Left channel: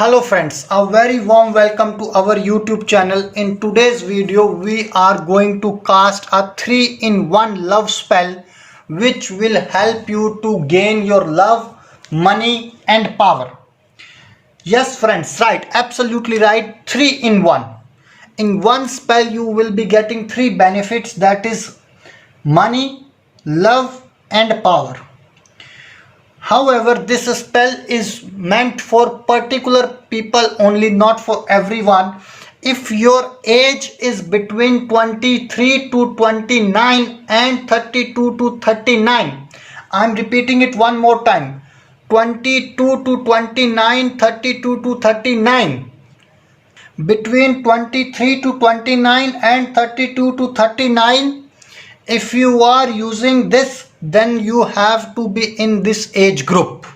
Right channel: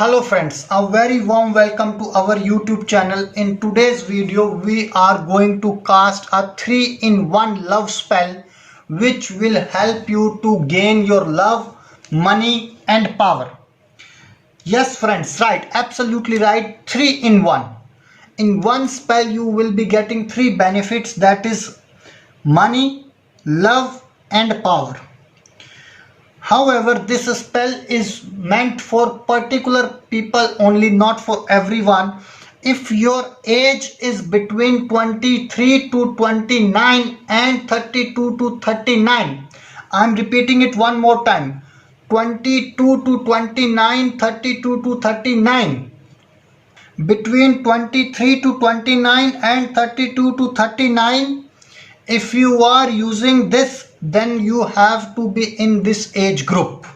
Hello friends, a very warm welcome to our YouTube channel. In today's video, we are going to cast a 3-in-1 love spell which will help you to gain your love, money and power. Yes friends, right, absolutely right, 3-in-1. In one spell you will be getting 3 benefits, that is money, love and power. However, this spell is meant for particular people only, not for everyone. If your age is between 23 to 29 and 32 to 39, I'm repeating it one more time, 22 to 29, 32 to 39. Between 23 to 29 and 32 to 39, if you are using this, then you have to be in this age group.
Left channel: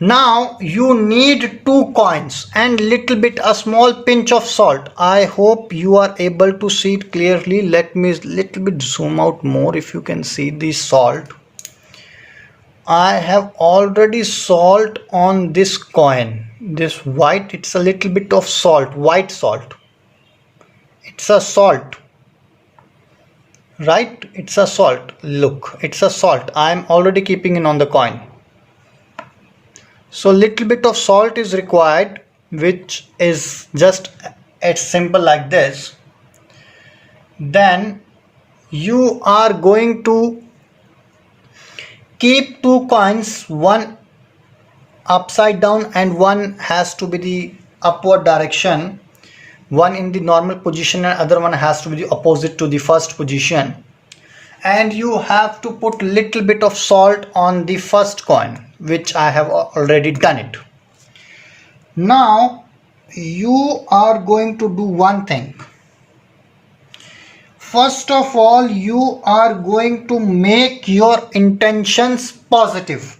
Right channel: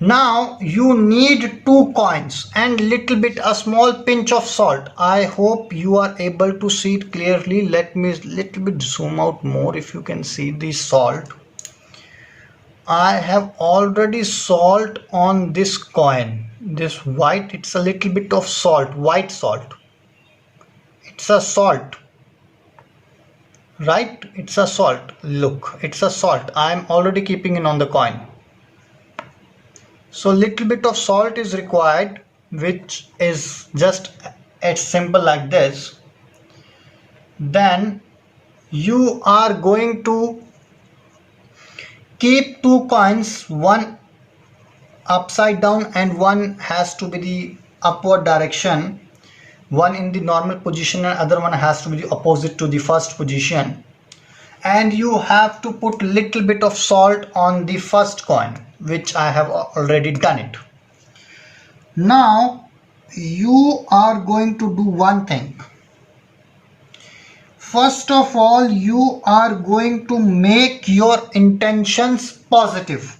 Now you need 2 coins and little bit a small pinch of salt. I hope you are able to see it clearly. Let me little bit zoom out more if you can see the salt. I have already salt on this coin. This white, it's a little bit of salt, white salt. It's a salt. Right, it's a salt. Look, it's a salt. I am already keeping it on the coin. So little bit of salt is required, which is just as simple like this. Then you are going to keep 2 coins, one upside down and one has to be the upward direction. One in the normal position and other one has to be the opposite to the first position. And you have to put little bit of salt on the first coin, which I have already done it. Now you are going to do one thing. First of all, you are going to make your intentions positive.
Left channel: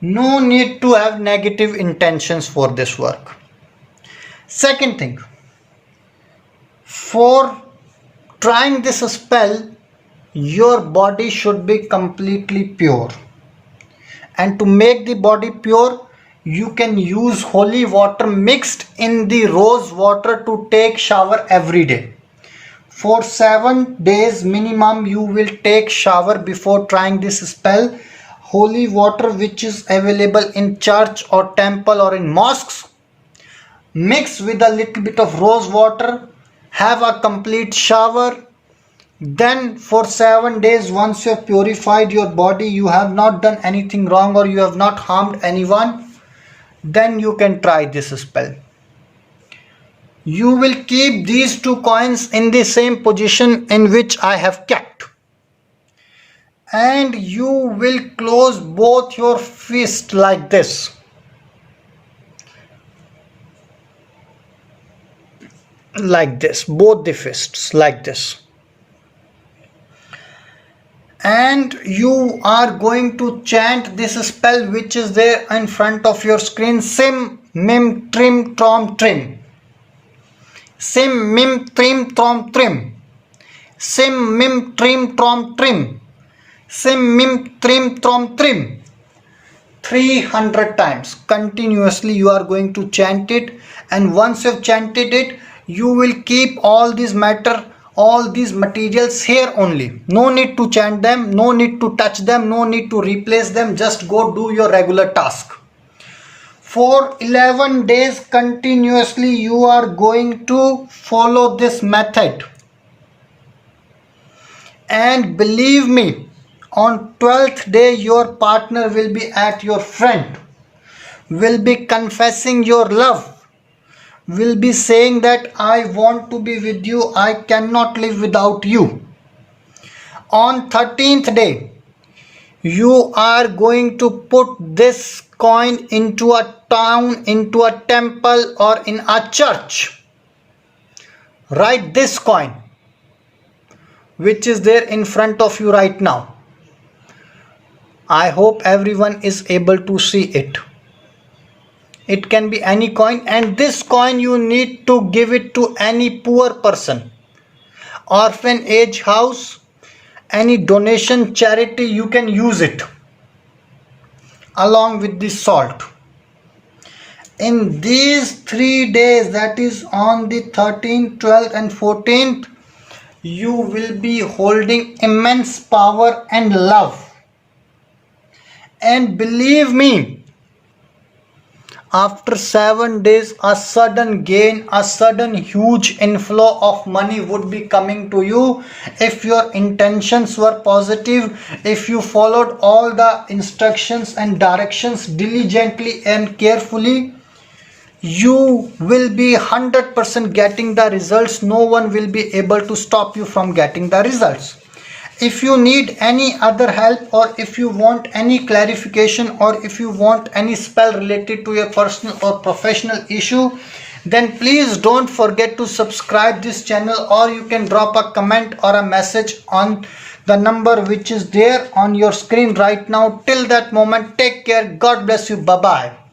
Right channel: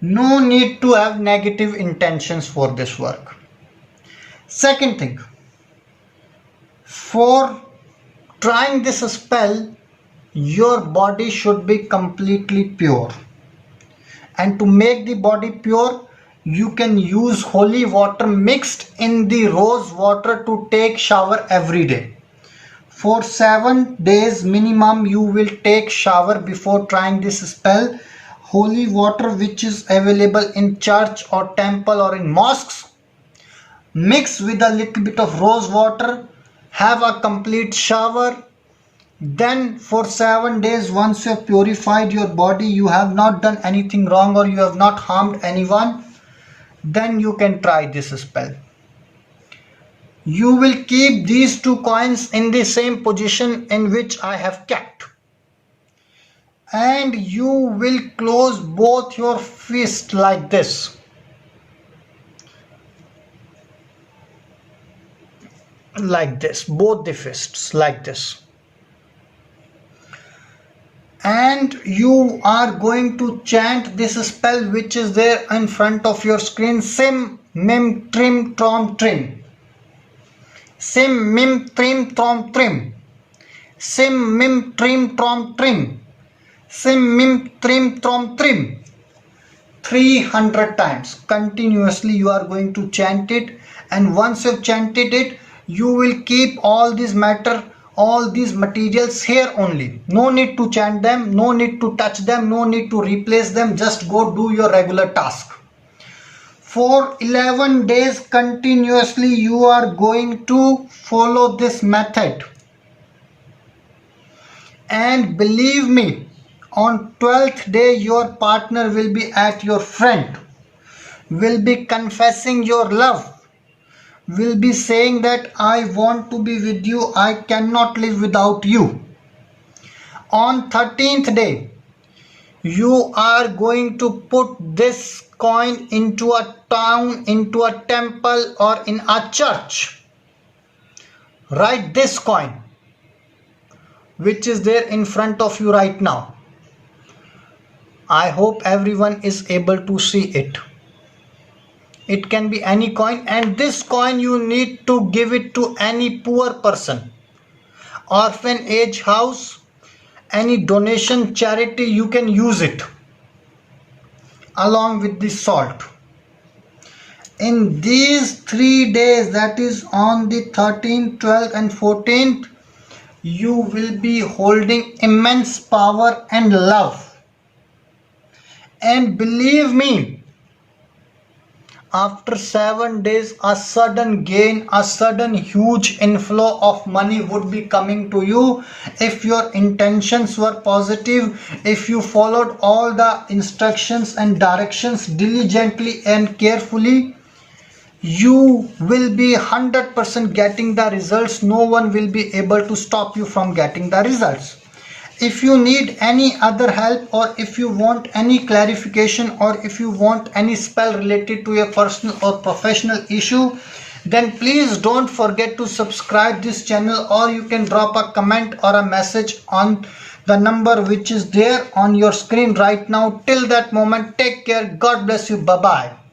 No need to have negative intentions for this work. Second thing, for trying this spell, your body should be completely pure. And to make the body pure, you can use holy water mixed in the rose water to take shower every day. For 7 days minimum, you will take shower before trying this spell. Holy water which is available in church or temple or in mosques, mix with a little bit of rose water, have a complete shower. Then for 7 days, once you have purified your body, you have not done anything wrong or you have not harmed anyone, then you can try this spell. You will keep these 2 coins in the same position in which I have kept. And you will close both your fists like this. Like this, both the fists like this, and you are going to chant this spell which is there in front of your screen. Sim mim trim trom trim, sim mim trim trom trim, sim mim trim trom trim, sim mim trim trom trim. 300 times continuously you are going to chant it, and once you have chanted it, you will keep all these materials here only. No need to chant them, no need to touch them, no need to replace them. Just go do your regular task. For 11 days continuously you are going to follow this method, and believe me, on 12th day your partner will be at your front, will be confessing your love, will be saying that I want to be with you, I cannot live without you. On 13th day, you are going to put this coin into a town, into a temple or in a church. Write this coin which is there in front of you right now. I hope everyone is able to see it. It can be any coin, and this coin you need to give it to any poor person, orphanage house, any donation charity, you can use it. along with the salt. In these 3 days, that is on the 13th, 12th and 14th, you will be holding immense power and love. And believe me, after 7 days, a sudden gain, a sudden huge inflow of money would be coming to you if your intentions were positive, if you followed all the instructions and directions diligently and carefully. You will be 100% getting the results. No one will be able to stop you from getting the results. If you need any other help, or if you want any clarification, or if you want any spell related to a personal or professional issue, then please don't forget to subscribe this channel, or you can drop a comment or a message on the number which is there on your screen right now. Till that moment, take care. God bless you. Bye bye.